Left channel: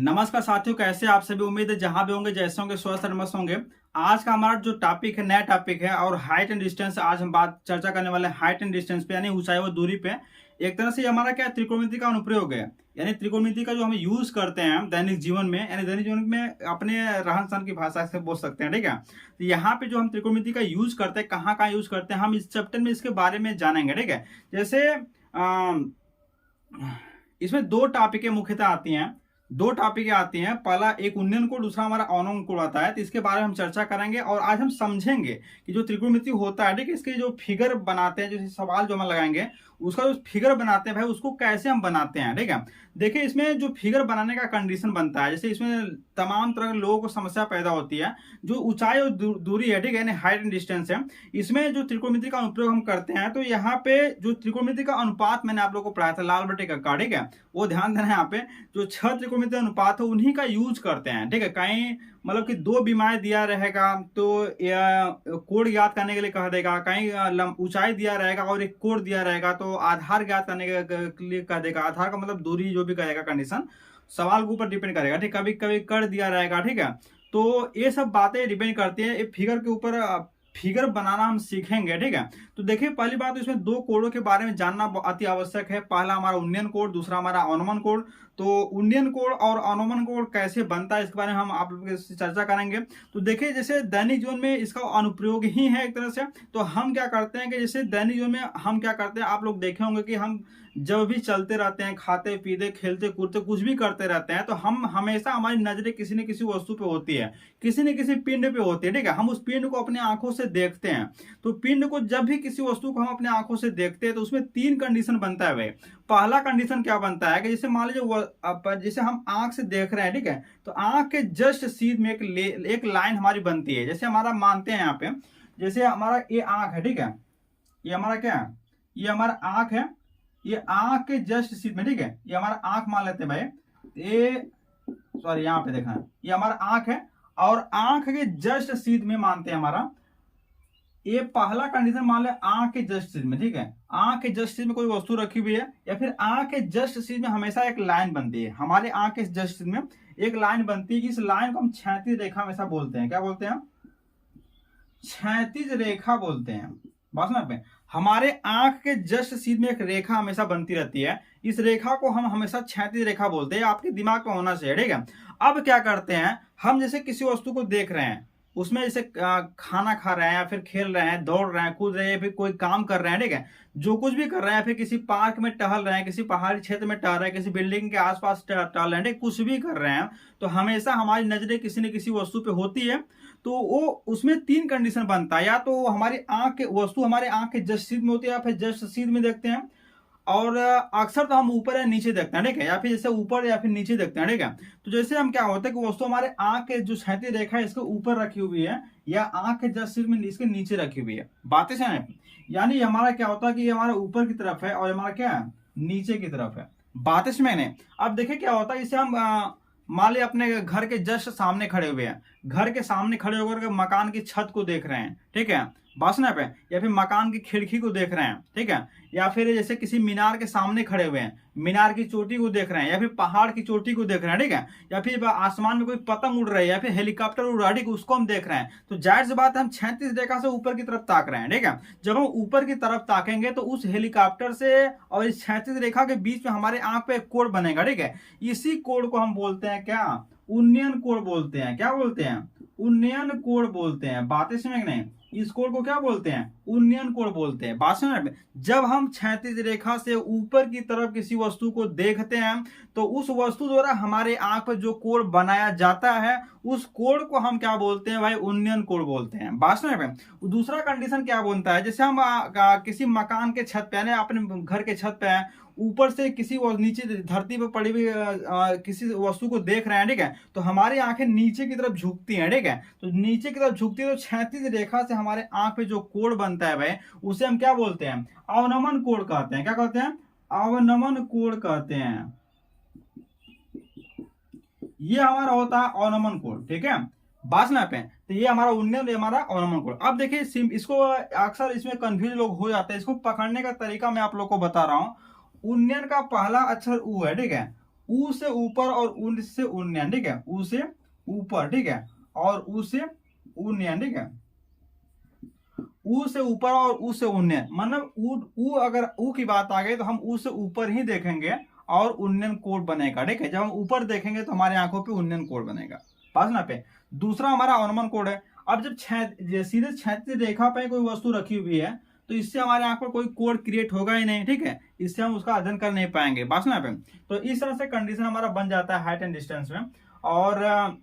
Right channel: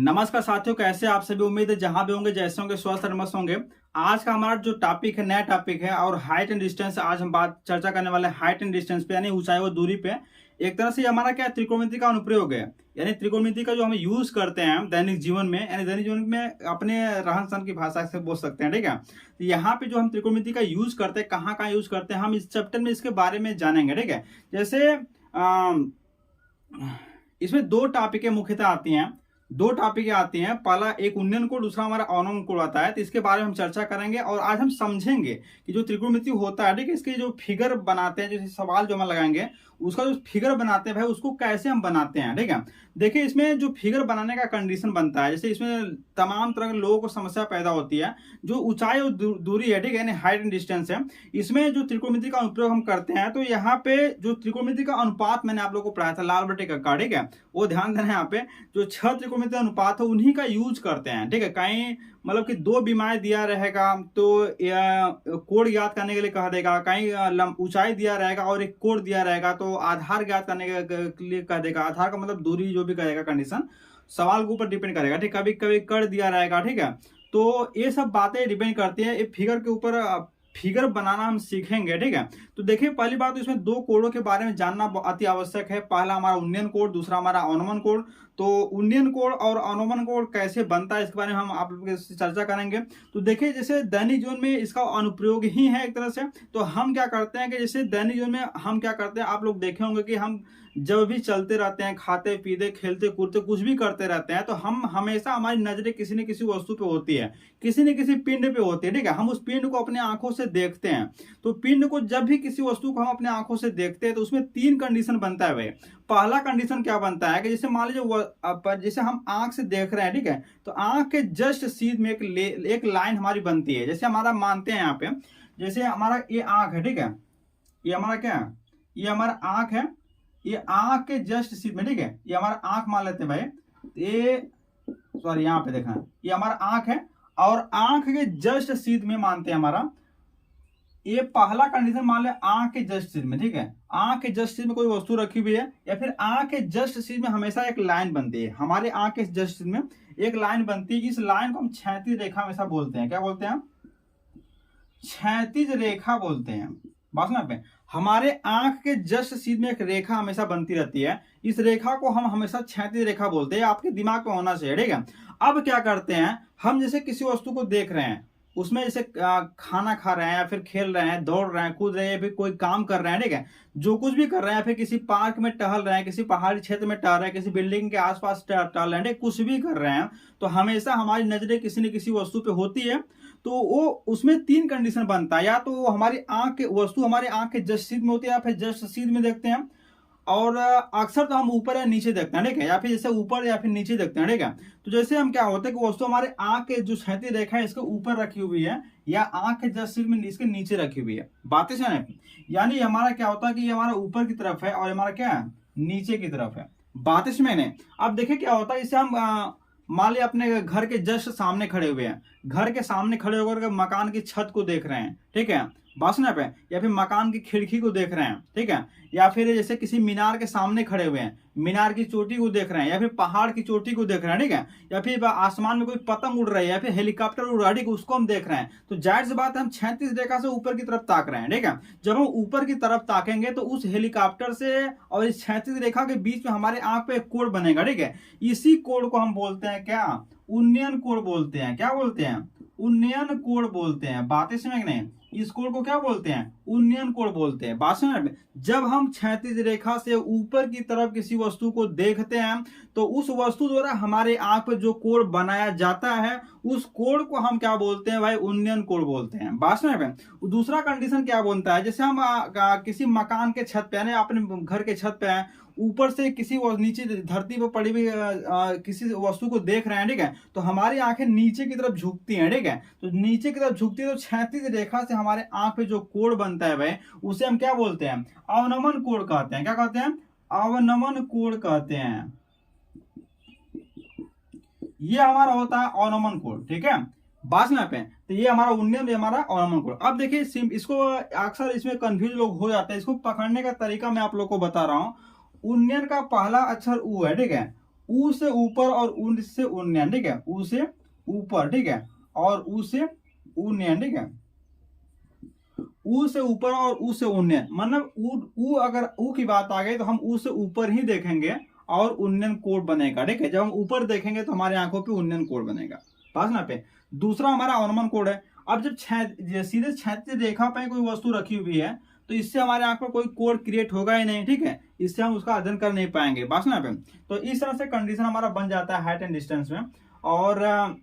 नमस्कार साथियों, कैसे आप सभी। उम्मीद है जहां भी होंगे, जैसे होंगे, स्वस्थ और मस्त होंगे। आज का हमारा जो टॉपिक है, नया टॉपिक है और हाइट एंड डिस्टेंस। आज हम बात चर्चा करने वाले हैं हाइट एंड डिस्टेंस पे, यानी ऊंचाई व दूरी पे। एक तरह से ये हमारा क्या त्रिकोणमिति का अनुप्रयोग है, यानी त्रिकोणमिति का जो हम यूज करते हैं दैनिक जीवन में, यानी दैनिक जीवन में अपने रहन सहन की भाषा से बोल सकते हैं। ठीक है, तो यहाँ पे जो हम त्रिकोणमिति का यूज करते हैं, कहाँ कहाँ यूज करते हैं, हम इस चैप्टर में इसके बारे में जानेंगे। ठीक है, जैसे इसमें दो टॉपिकें मुख्यतः आती हैं, दो टॉपिक आती हैं। पहला एक उन्नयन कोण, दूसरा हमारा अवनमन कोण आता है। तो इसके बारे में हम चर्चा करेंगे और आज हम समझेंगे कि जो त्रिकोणमिति होता है, ठीक है, इसके जो फिगर बनाते हैं, जो सवाल जो हम लगाएंगे, उसका जो फिगर बनाते हैं भाई, उसको कैसे हम बनाते हैं। ठीक है, देखिए इसमें जो फिगर बनाने का कंडीशन बनता है, जैसे इसमें तमाम तरह के लोगों को समस्या पैदा होती है। जो ऊंचाई और दूरी है, ठीक है, यानी हाइट एंड डिस्टेंस है, इसमें जो त्रिकोणमिति का अनुप्रयोग हम करते हैं, तो यहाँ पे जो त्रिकोणमिति का अनुपात मैंने आप लोग को पढ़ाया था लाल बटे का, ठीक है, वो ध्यान देना है। यहाँ पे जो 6 त्रिकोणमिति अनुपात है उन्हीं का यूज करते हैं। ठीक है, कहीं मतलब कि दो बीमारी दिया रहेगा तो कोण याद करने के लिए कह देगा, कहीं ऊंचाई दिया रहेगा और एक कोण दिया रहेगा तो आधार ज्ञात करने के लिए कह देगा। आधार का मतलब दूरी जो भी कहेगा, कंडीशन सवाल के ऊपर डिपेंड करेगा। ठीक, कभी कभी कर दिया रहेगा। ठीक है, तो ये सब बातें डिपेंड करती है। ये फिगर के ऊपर फिगर बनाना हम सीखेंगे। ठीक है, तो देखिए पहली बात तो इसमें दो कोणों के बारे में जानना अति आवश्यक है। पहला हमारा उन्नयन कोण, दूसरा हमारा अवनमन कोण। तो उन्नयन कोण और अवनमन कोण कैसे बनता है, इसके बारे में हम आप लोगों से चर्चा करेंगे। तो देखिए जैसे दैनिक जीवन में इसका अनुप्रयोग ही है एक तरह से। तो हम क्या करते हैं कि जैसे दैनिक जीवन में हम क्या करते हैं, आप लोग देखे होंगे कि हम जब भी चलते रहते हैं, खाते पीते खेलते कूदते कुछ भी करते रहते हैं, तो हम हमेशा हमारी नजरें किसी न किसी वस्तु पे होती है, किसी न किसी पिंड पे होती है। ठीक है, हम उस पिंड को अपने आंखों से देखते हैं। तो पिंड को जब भी किसी वस्तु को हम अपने आंखों से देखते हैं तो उसमें 3 कंडीशन बनता है भाई। पहला कंडीशन क्या बनता है कि जैसे मान लीजिए जैसे हम आंख से देख रहे हैं, ठीक है, तो आंख के जस्ट सीध में एक लाइन हमारी बनती है। जैसे हमारा मानते हैं यहाँ पे, जैसे हमारा ये आंख है, ठीक है, ये हमारा क्या है, ये हमारा आंख है, ये आंख के जस्ट सीध में, ठीक है, ये हमारा आंख मान लेते हैं भाई। ये सॉरी यहाँ पे देखा, ये हमारा आंख है और आंख के जस्ट सीध में मानते हैं हमारा ये पहला कंडीशन मान ले, आंख के जस्ट सीध में। ठीक है, आंख के जस्ट सीध में कोई वस्तु रखी हुई है या फिर आंख के जस्ट सीध में हमेशा एक लाइन बनती है। हमारे आंख के जस्ट सीध में एक लाइन बनती है। इस लाइन को हम क्षैतिज रेखा हमेशा बोलते हैं। क्या बोलते हैं? क्षैतिज रेखा बोलते हैं। बात सुना पे, हमारे आंख के जस्ट सीध में एक रेखा हमेशा बनती रहती है। इस रेखा को हम हमेशा क्षैतिज रेखा बोलते हैं। आपके दिमाग में होना चाहिए। ठीक है, अब क्या करते हैं हम, जैसे किसी वस्तु को देख रहे हैं, उसमें जैसे खाना खा रहे हैं या फिर खेल रहे हैं, दौड़ रहे हैं, कूद रहे हैं, फिर कोई काम कर रहे हैं, ठीक है, जो कुछ भी कर रहे हैं, फिर किसी पार्क में टहल रहे हैं, किसी पहाड़ी क्षेत्र में टहल रहे हैं, किसी बिल्डिंग के आसपास टहल रहे हैं, कुछ भी कर रहे हैं, तो हमेशा हमारी नजरें किसी न किसी वस्तु पे होती है। तो वो उसमें 3 कंडीशन बनता है, या तो वो हमारी आंख के वस्तु हमारे आंख के जस्ट सीध में होती है, या फिर जस्ट सीध में देखते हैं, और अक्सर तो हम ऊपर या नीचे देखते हैं। ठीक है, या फिर जैसे ऊपर या फिर नीचे देखते हैं। ठीक है, तो जैसे हम क्या होता है कि वस्तु हमारे आंख के जो क्षैतिज रेखा है इसके ऊपर रखी हुई है या आंख के जस्ट सीध में इसके नीचे रखी हुई है। बातें समझ, यानी हमारा क्या होता है कि ये हमारा ऊपर की तरफ है और हमारा क्या है, नीचे की तरफ है। बातें समझ ने। अब देखिए क्या होता है, इसे हम मान लिया अपने घर के जस्ट सामने खड़े हुए हैं, घर के सामने खड़े होकर मकान की छत को देख रहे हैं, ठीक है, बासना पे, या फिर मकान की खिड़की को देख रहे हैं, ठीक है, या फिर जैसे किसी मीनार के सामने खड़े हुए हैं, मीनार की चोटी को देख रहे हैं, या फिर पहाड़ की चोटी को देख रहे हैं, ठीक है, या फिर आसमान में कोई पतंग उड़ रही है या फिर हेलीकॉप्टर उड़ रहा है, ठीक है, उसको हम देख रहे हैं। तो जाहिर सी बात है हम क्षैतिज रेखा से ऊपर की तरफ ताक रहे हैं। ठीक है, जब हम ऊपर की तरफ ताकेंगे तो उस हेलीकॉप्टर से और इस क्षैतिज रेखा के बीच में हमारे आंख पे एक कोण बनेगा। ठीक है, इसी कोण को हम बोलते हैं क्या, उन्नयन कोण बोलते हैं। क्या बोलते हैं? उन्नयन कोण बोलते हैं। बातें समझ नहीं, इस कोण को क्या बोलते हैं, उन्नयन कोण बोलते हैं। बात समझ में, जब हम क्षैतिज रेखा से ऊपर की तरफ किसी वस्तु को देखते हैं तो उस वस्तु द्वारा हमारे आंख पर जो कोण बनाया जाता है उस कोण को हम क्या बोलते हैं भाई, उन्नयन कोण बोलते हैं। बात समझ में। दूसरा कंडीशन क्या बनता है, जैसे हम किसी मकान के छत पे, यानी अपने घर के छत पे हैं, ऊपर से किसी नीचे धरती पर पड़ी हुई किसी वस्तु को देख रहे हैं, ठीक है, तो हमारी आंखें नीचे की तरफ झुकती हैं। ठीक है, तो नीचे की तरफ झुकती है तो क्षैतिज रेखा से हमारे आंख पे जो कोण बनता है भाई, उसे हम क्या बोलते हैं, अवनमन कोण कहते हैं। क्या कहते हैं? अवनमन कोण कहते हैं। ये हमारा होता है अवनमन कोण। ठीक है, बात ना पे, तो ये हमारा उन्नयन, ये हमारा अवनमन कोण। अब देखिए इसको अक्सर इसमें कंफ्यूज लोग हो जाते हैं। इसको पकड़ने का तरीका मैं आप लोग को बता रहा हूं। उन्नयन का पहला अक्षर उ है, ठीक है, ऊ से ऊपर और उन से उन्नयन, ठीक है, ऊ से ऊपर, ठीक है, और ऊ से उन्नयन, ठीक है, ऊ से ऊपर और ऊ से उन्नयन, मतलब ऊ अगर ऊ की बात आ गई तो हम ऊ से ऊपर ही देखेंगे और उन्नयन कोड बनेगा, ठीक है। जब हम ऊपर देखेंगे तो हमारे आंखों पे उन्नयन कोड बनेगा, पास ना पे। दूसरा हमारा अवनमन कोड है। अब जब सीधे क्षैतिज रेखा पे कोई वस्तु रखी हुई है तो इससे हमारे आंख पर कोई कोड क्रिएट होगा ही नहीं, ठीक है, इससे हम उसका अध्ययन कर नहीं पाएंगे, बात ना पे। तो इस तरह से कंडीशन हमारा बन जाता है हाइट एंड डिस्टेंस में। और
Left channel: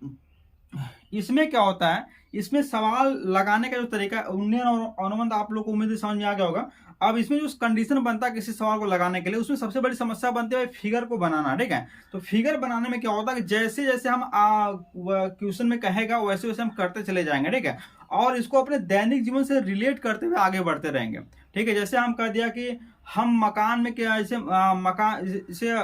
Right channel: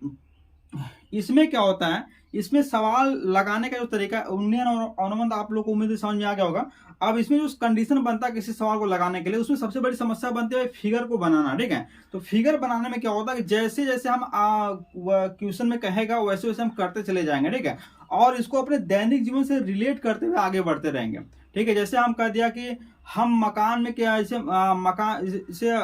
इसमें क्या होता है, इसमें सवाल लगाने का जो तरीका उन्नयन और अनुबंध आप लोग को उम्मीद समझ में आ गया होगा। अब इसमें जो कंडीशन बनता है किसी सवाल को लगाने के लिए, उसमें सबसे बड़ी समस्या बनती है फिगर को बनाना, ठीक है। तो फिगर बनाने में क्या होता है कि जैसे जैसे हम क्वेश्चन में कहेगा वैसे वैसे हम करते चले जाएंगे, ठीक है, और इसको अपने दैनिक जीवन से रिलेट करते हुए आगे बढ़ते रहेंगे, ठीक है। जैसे हम कह दिया कि हम मकान में क्या, जैसे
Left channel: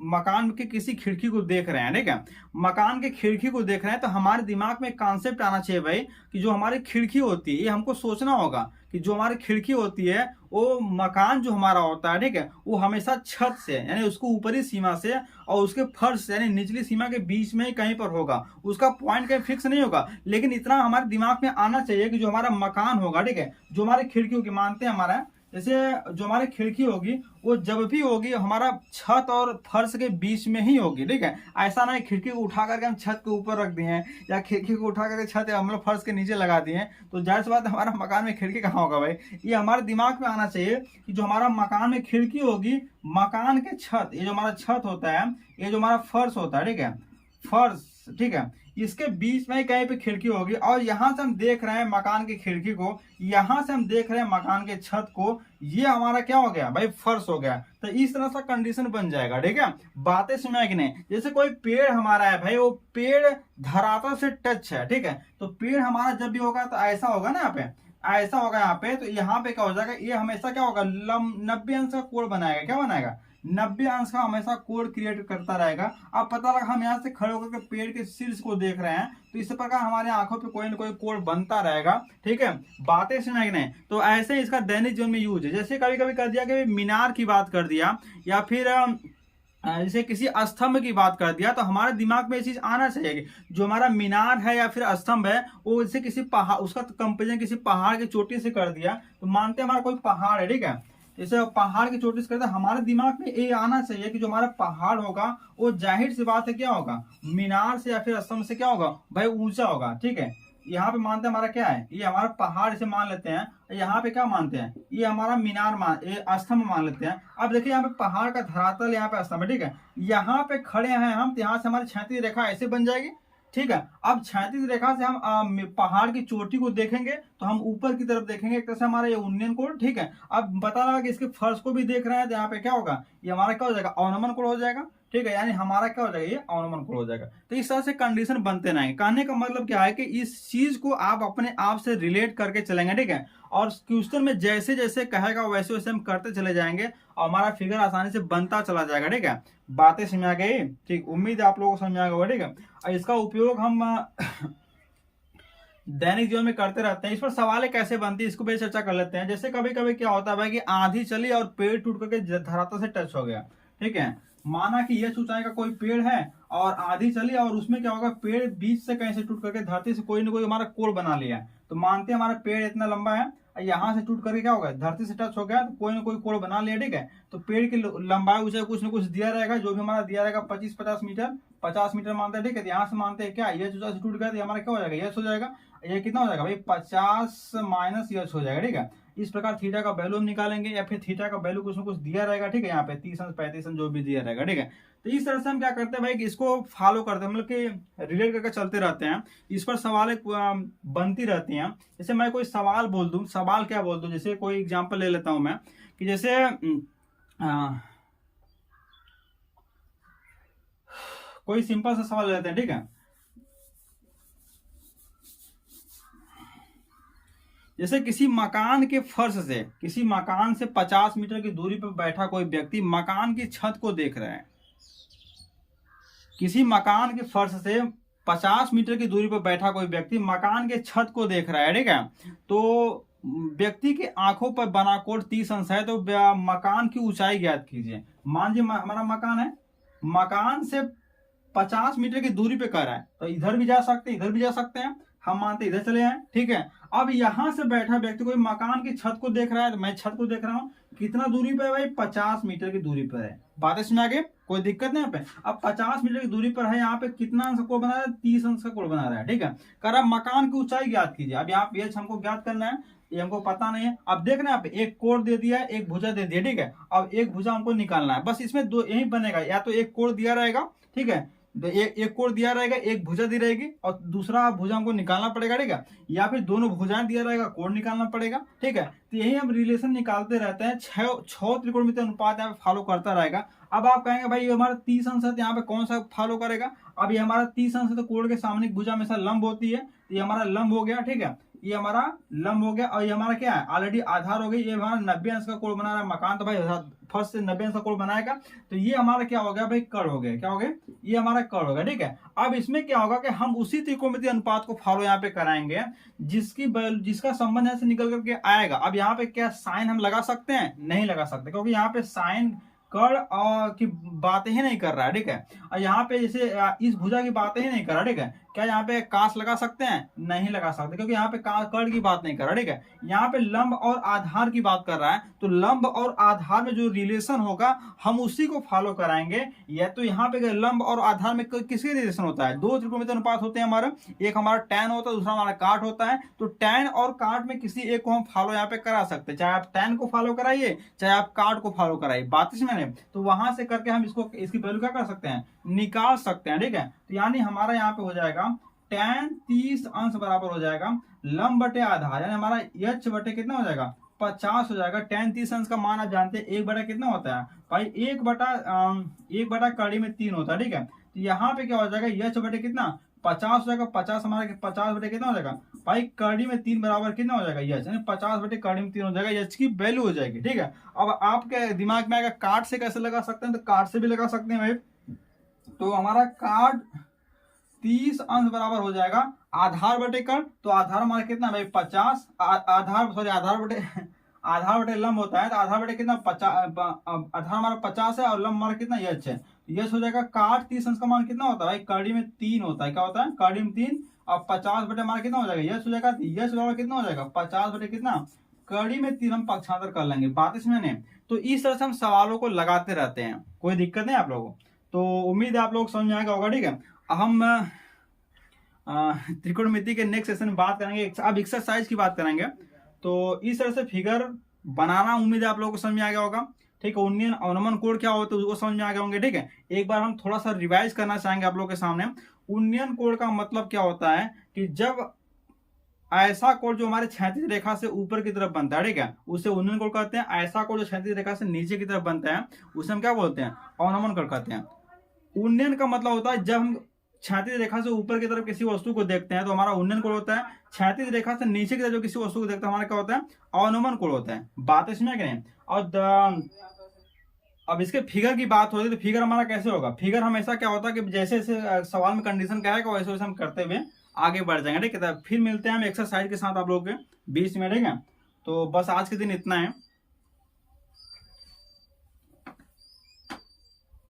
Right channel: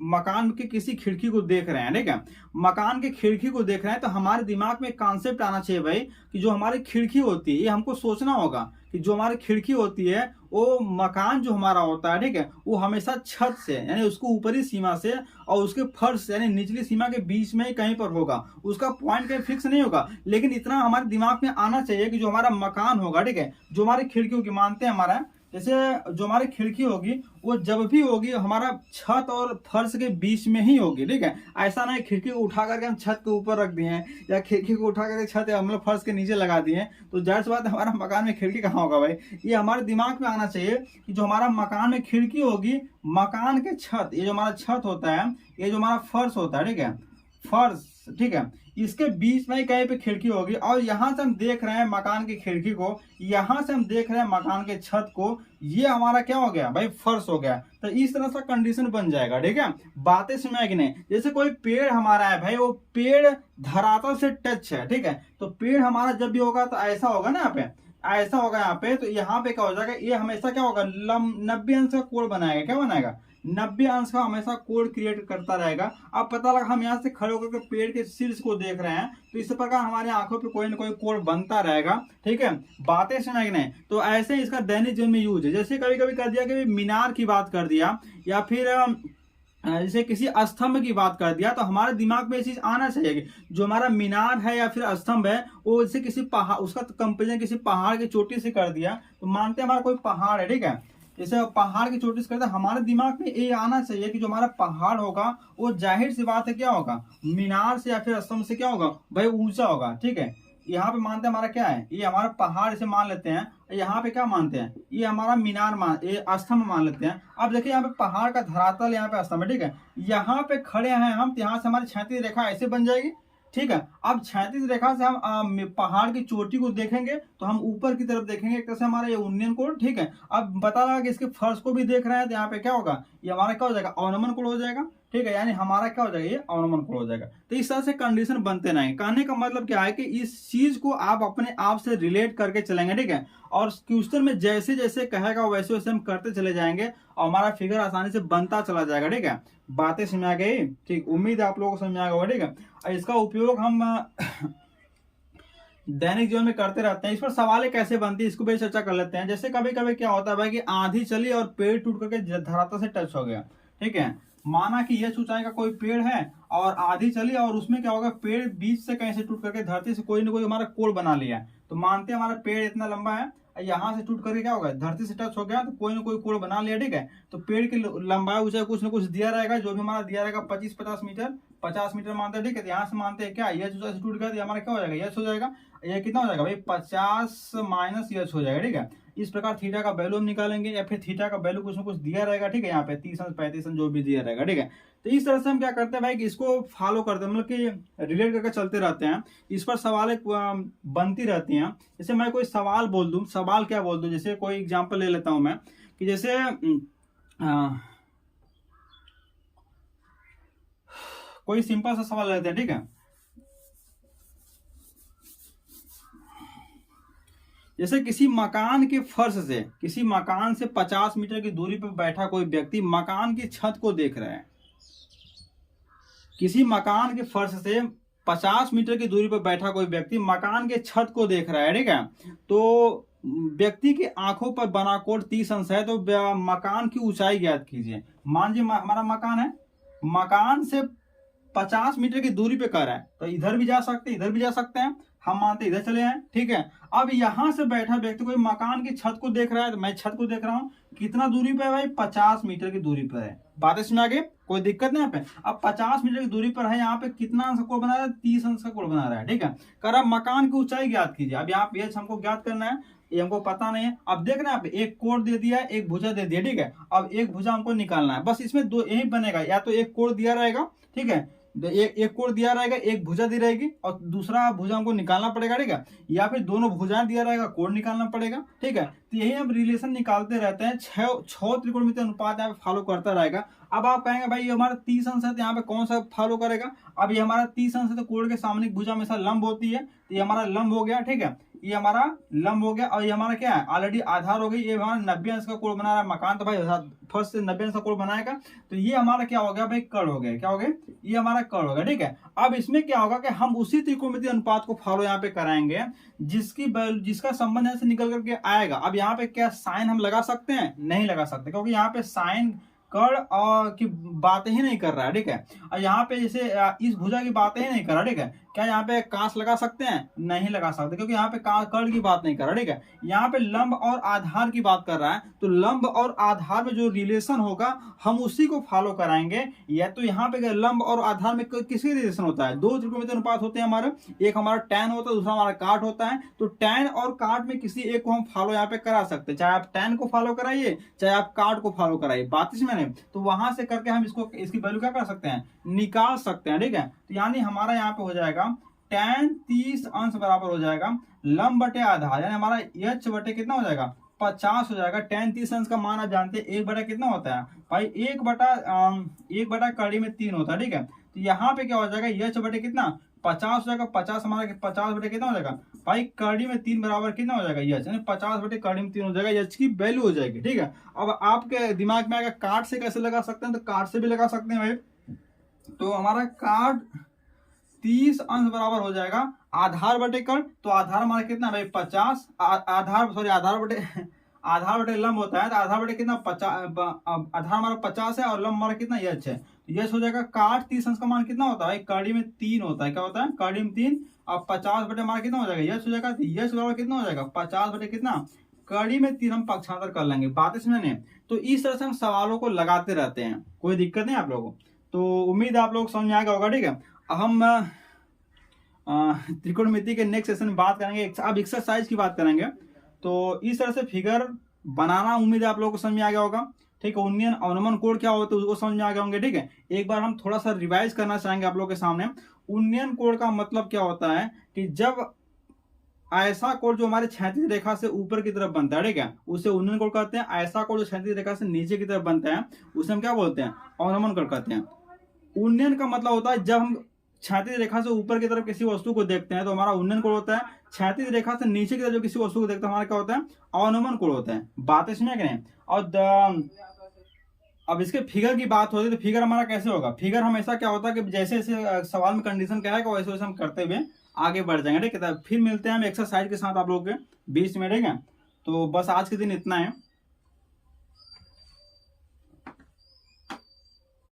मकान के किसी खिड़की को देख रहे हैं, ठीक है, मकान के खिड़की को देख रहे हैं, तो हमारे दिमाग में कॉन्सेप्ट आना चाहिए भाई कि जो हमारी खिड़की होती है, ये हमको सोचना होगा कि जो हमारी खिड़की होती है वो मकान जो हमारा होता है, ठीक है, वो हमेशा छत से यानी उसको ऊपरी सीमा से और उसके फर्श से यानी निचली सीमा के बीच में ही कहीं पर होगा, उसका पॉइंट कहीं फिक्स नहीं होगा। लेकिन इतना हमारे दिमाग में आना चाहिए कि जो हमारा मकान होगा, ठीक है, जो हमारी खिड़की होगी, मानते हैं हमारा जैसे जो हमारी खिड़की होगी वो जब भी होगी हमारा छत और फर्श के बीच में ही होगी, ठीक है। ऐसा नहीं खिड़की को उठा करके हम छत के ऊपर रख दिए हैं या खिड़की को उठा करके छत हम लोग फर्श के नीचे लगा दिए हैं, तो जाहिर सी बात है हमारा मकान में खिड़की कहाँ होगा भाई। ये हमारे दिमाग में आना चाहिए कि जो हमारा मकान में खिड़की होगी, मकान के छत, ये जो हमारा छत होता है, ये जो हमारा फर्श होता है, ठीक है, फर्श, ठीक है, इसके बीच में कहीं पे खिड़की होगी। और यहां से हम देख रहे हैं मकान की खिड़की को, यहां से हम देख रहे हैं मकान के छत को, ये हमारा क्या हो गया भाई, फर्श हो गया। तो इस तरह से कंडीशन बन जाएगा, ठीक है। बातें समझ कि नहीं, जैसे कोई पेड़ हमारा है भाई, वो पेड़ धरातल से टच है, ठीक है, तो पेड़ हमारा जब भी होगा तो ऐसा होगा ना, यहाँ पे ऐसा होगा, यहाँ पे, तो यहाँ पे क्या हो जाएगा, ये हमेशा क्या होगा, 90 अंश का कोण बनाएगा, क्या बनाएगा, 90 अंश का हमेशा कोड क्रिएट करता रहेगा। अब पता लगा हम यहाँ से खड़े होकर के पेड़ के शीर्ष को देख रहे हैं, तो इस प्रकार हमारे आंखों पे कोई ना कोई कोड बनता रहेगा, ठीक है। बातें सुना कि नहीं, तो ऐसे इसका दैनिक जीवन में यूज है। जैसे कभी कभी कर दिया कि मीनार की बात कर दिया या फिर जैसे किसी स्तंभ की बात कर दिया, तो हमारे दिमाग में ये चीज आना चाहिए कि जो हमारा मीनार है या फिर स्तंभ है वो जैसे किसी पहाड़, उसका कंपेरिजन किसी पहाड़ की चोटी से कर दिया, तो मानते हैं हमारा कोई पहाड़ है, ठीक है, जैसे पहाड़ की चोटी से करते हैं, हमारे दिमाग में ये आना चाहिए कि जो हमारा पहाड़ होगा वो जाहिर सी बात है क्या होगा, मीनार से या फिर स्तंभ से क्या होगा भाई, ऊंचा होगा, ठीक है। यहाँ पे मानते हैं हमारा क्या है, ये हमारा पहाड़ से मान लेते हैं, यहाँ पे क्या मानते हैं, ये हमारा मीनार ये स्तंभ मान लेते हैं। अब देखिए यहाँ पे पहाड़ का धरातल, यहाँ पे स्तंभ है, ठीक है, यहाँ पे खड़े हैं हम, तो यहाँ से हमारी क्षैतिज रेखा ऐसे बन जाएगी, ठीक है। अब क्षैतिज रेखा से हम पहाड़ की चोटी को देखेंगे तो हम ऊपर की तरफ देखेंगे, एक तरह से हमारा ये उन्नयन कोण, ठीक है। अब बता रहा कि इसके फर्श को भी देख रहे हैं, तो यहाँ पे क्या होगा, ये हमारा क्या हो जाएगा, अवनमन कोण हो जाएगा, ठीक है, यानी हमारा क्या हो जाएगा, ये अवनमन कोण हो जाएगा। तो इस तरह से कंडीशन बनते रहेंगे। कहने का मतलब क्या है कि इस चीज को आप अपने आप से रिलेट करके चलेंगे, ठीक है, और क्वेश्चन में जैसे जैसे कहेगा वैसे वैसे हम करते चले जाएंगे और हमारा फिगर आसानी से बनता चला जाएगा, ठीक है। बातें समझ आ गई, ठीक, उम्मीद है आप लोगों को समझ आ गया, ठीक है। और इसका उपयोग हम दैनिक जीवन में करते रहते हैं। इस पर सवाल कैसे बनती है इसको भी चर्चा कर लेते हैं। जैसे कभी कभी क्या होता है भाई कि आंधी चली और पेड़ टूट करके धरातल से टच हो गया, ठीक है, माना कि यह ऊंचाई का कोई पेड़ है और आंधी चली और उसमें क्या होगा, पेड़ बीच से कहीं से टूट करके धरती से कोई ना कोई हमारा कोण बना लिया। तो मानते हैं हमारा पेड़ इतना लंबा है, यहाँ से टूट करके क्या होगा, धरती से टच हो गया, तो कोई ना कोई कोण बना लिया, ठीक है। तो पेड़ की लंबाई ऊंचाई कुछ ना कुछ दिया रहेगा, जो भी हमारा दिया रहेगा 25-50 मीटर, 50 मीटर मानते हैं, ठीक है। यहाँ से मानते हैं क्या, यह ऊंचाई से टूट गया तो हमारा क्या हो जाएगा, यश हो जाएगा। ये कितना हो जाएगा भाई, 50 माइनस यश हो जाएगा, ठीक है। इस प्रकार थीटा का वैल्यू हम निकालेंगे या फिर थीटा का वैल्यू कुछ ना कुछ दिया रहेगा, ठीक है, यहाँ पे 30 अंश 35 अंश जो भी दिया रहेगा, ठीक है। तो इस तरह से हम क्या करते हैं भाई कि इसको फॉलो करते हैं, मतलब कि रिलेट करके चलते रहते हैं। इस पर सवाल बनती रहती हैं। जैसे मैं कोई सवाल बोल दूं, सवाल क्या बोल दूं, जैसे कोई एग्जांपल ले लेता हूं मैं कि जैसे कोई सिंपल सा सवाल ले लेते हैं, ठीक है। जैसे किसी मकान के फर्श से, किसी मकान से 50 मीटर की दूरी पर बैठा कोई व्यक्ति मकान की छत को देख रहा है। किसी मकान के फर्श से 50 मीटर की दूरी पर बैठा कोई व्यक्ति मकान के छत को देख रहा है, ठीक है। तो व्यक्ति की आंखों पर बना कोण 30 अंश है, तो मकान की ऊंचाई ज्ञात कीजिए। मान जी हमारा मकान है, मकान से 50 मीटर की दूरी पे कह रहा है, तो इधर भी जा सकते हैं, इधर भी जा सकते हैं। हम मानते इधर चले आए, ठीक है। अब यहाँ से बैठा व्यक्ति कोई मकान की छत को देख रहा है, तो मैं छत को देख रहा हूँ, कितना दूरी पे है भाई, 50 मीटर की दूरी पर है। बातें समझ आ गई, कोई दिक्कत नहीं यहाँ पे। अब 50 मीटर की दूरी पर है, यहाँ पे कितना अंश का कोण बना रहा है, 30 अंश का कोण बना रहा है, ठीक है। कर अब मकान की ऊंचाई ज्ञात कीजिए। अब यहाँ पे हमको ज्ञात करना है, ये हमको पता नहीं है। अब देखना यहाँ पे एक कोण दे दिया है, एक भुजा दे दिया, ठीक है। अब एक भुजा हमको निकालना है, बस इसमें दो यही बनेगा, या तो एक कोण दिया रहेगा, ठीक है, एक कोण दिया रहेगा, एक भुजा दी रहेगी और दूसरा भुजा हमको निकालना पड़ेगा, ठीक है। या फिर दोनों भुजाएं दिया रहेगा, कोण निकालना पड़ेगा, ठीक है। तो यही हम रिलेशन निकालते रहते हैं, छह त्रिकोणमितीय अनुपात यहाँ पे फॉलो करता रहेगा। अब आप कहेंगे भाई ये हमारा 30 अंश है, तो यहाँ पे कौन सा फॉलो करेगा। अब ये हमारा 30 अंश है, तो कोण के सामने भुजा हमेशा लंब होती है, तो ये हमारा लंब हो गया, ठीक है, ये हमारा लंब हो गया। और ये हमारा क्या है, ऑलरेडी आधार हो गई, ये हमारा 90 अंश का कोण बना रहा है मकान, तो भाई फर्स्ट से 90 अंश का कोण बनाएगा, तो ये हमारा क्या हो गया भाई, कर्ण हो गया, क्या हो गया, ये हमारा कर्ण हो गया, ठीक है। अब इसमें क्या होगा कि हम उसी त्रिकोणमितीय अनुपात को फॉलो यहाँ पे कराएंगे, जिसका संबंध यहाँ से निकल करके आएगा। अब यहाँ पे क्या साइन हम लगा सकते हैं, नहीं लगा सकते, क्योंकि यहाँ पे साइन कर्ण और की बातें ही नहीं कर रहा है, ठीक है। और यहाँ पे जैसे इस भुजा की बातें ही नहीं कर रहा, ठीक है। क्या यहाँ पे काश लगा सकते हैं, नहीं लगा सकते, क्योंकि यहाँ पे कर्ण की बात नहीं कर रहा, ठीक है। यहाँ पे लंब और आधार की बात कर रहा है, तो लंब और आधार में जो रिलेशन होगा हम उसी को फॉलो कराएंगे। या तो यहाँ पे लंब और आधार में किसके रिलेशन होता है, दो त्रिकोणमितीय अनुपात होते हैं हमारे, एक हमारा टैन होता है, दूसरा हमारा काट होता है। तो टैन और काट में किसी एक को हम फॉलो यहाँ पे करा सकते हैं, चाहे आप टैन को फॉलो कराइए, चाहे आप काट को फॉलो कराइए, बात इसमें नहीं। तो वहां से करके हम इसकी वैल्यू क्या कर सकते हैं, निकाल सकते हैं, ठीक है। तो यानी हमारा यहाँ पे हो जाएगा tan 30 अंश बराबर हो जाएगा लंब बटे आधार, यानी हमारा h बटे कितना हो जाएगा, 50 हो जाएगा। tan 30 अंश का मान आप जानते हैं, एक बटा कितना होता है भाई, एक बटा कड़ी में 3 होता है, ठीक है। तो यहाँ पे क्या हो जाएगा, h बटे कितना 50 हो जाएगा, 50 हमारा 50 बटे कितना हो जाएगा भाई, कड़ी में 3 बराबर कितना हो जाएगा, h यानी 50 बटे कड़ी में 3 हो जाएगा, h की वैल्यू हो जाएगी, ठीक है। अब आपके दिमाग में आएगा काट से कैसे लगा सकते हैं, तो काट से भी लगा सकते हैं भाई। तो हमारा काट 30 अंश बराबर हो जाएगा आधार बटे कर्ण, तो आधार हमारा कितना भाई 50, आधार बटे लंब होता है, तो आधार बटे कितना 50, आधार हमारा 50 है और लंब हमारा कितना यच है, तो यच हो जाएगा काट 30 अंश का मान कितना होता है भाई, कड़ी में 3 होता है, क्या होता है कड़ी में 3, और 50 बटे हमारा कितना हो जाएगा यच हो जाएगा, यच बराबर कितना हो जाएगा 50 बटे कितना कड़ी में 3, हम पक्षांतर कर लेंगे, बात इसमें नहीं। तो इस तरह से हम सवालों को लगाते रहते हैं, कोई दिक्कत नहीं आप लोगों को। तो उम्मीद है आप लोग समझ में आ गया होगा, ठीक है। हम त्रिकोणमिति के नेक्स्ट सेशन में बात करेंगे, अब एक्सरसाइज की बात करेंगे। तो इस तरह से फिगर बनाना उम्मीद है आप लोगों को समझ में आ गया होगा, ठीक है। उन्नयन अवनमन कोण क्या होता है उसको समझ में आ गए होंगे, ठीक है। एक बार हम थोड़ा सा रिवाइज करना चाहेंगे आप लोगों के सामने। उन्नयन कोण का मतलब क्या होता है कि जब ऐसा कोण जो हमारे क्षैतिज रेखा से ऊपर की तरफ बनता है, ठीक है, उसे उन्नयन कोण कहते हैं। ऐसा कोण जो क्षैतिज रेखा से नीचे की तरफ बनता है उसे हम क्या बोलते हैं, अवनमन कोण कहते हैं। उन्नयन का मतलब होता है जब हम क्षैतिज रेखा से ऊपर की तरफ किसी वस्तु को देखते हैं तो हमारा उन्नयन कोण होता है। क्षैतिज रेखा से नीचे की तरफ जो किसी वस्तु को देखते हैं हमारा क्या होता है, अवनमन कोण होता है। बात इसमें क्या है। और अब इसके फिगर की बात होती है तो फिगर हमारा कैसे होगा, फिगर हमेशा क्या होता है कि जैसे जैसे सवाल में कंडीशन क्या है वैसे वैसे हम करते हुए आगे बढ़ जाएंगे, ठीक है। फिर मिलते हैं हम एक्सरसाइज के साथ आप लोग के बीच में, ठीक है। तो बस आज के दिन इतना है।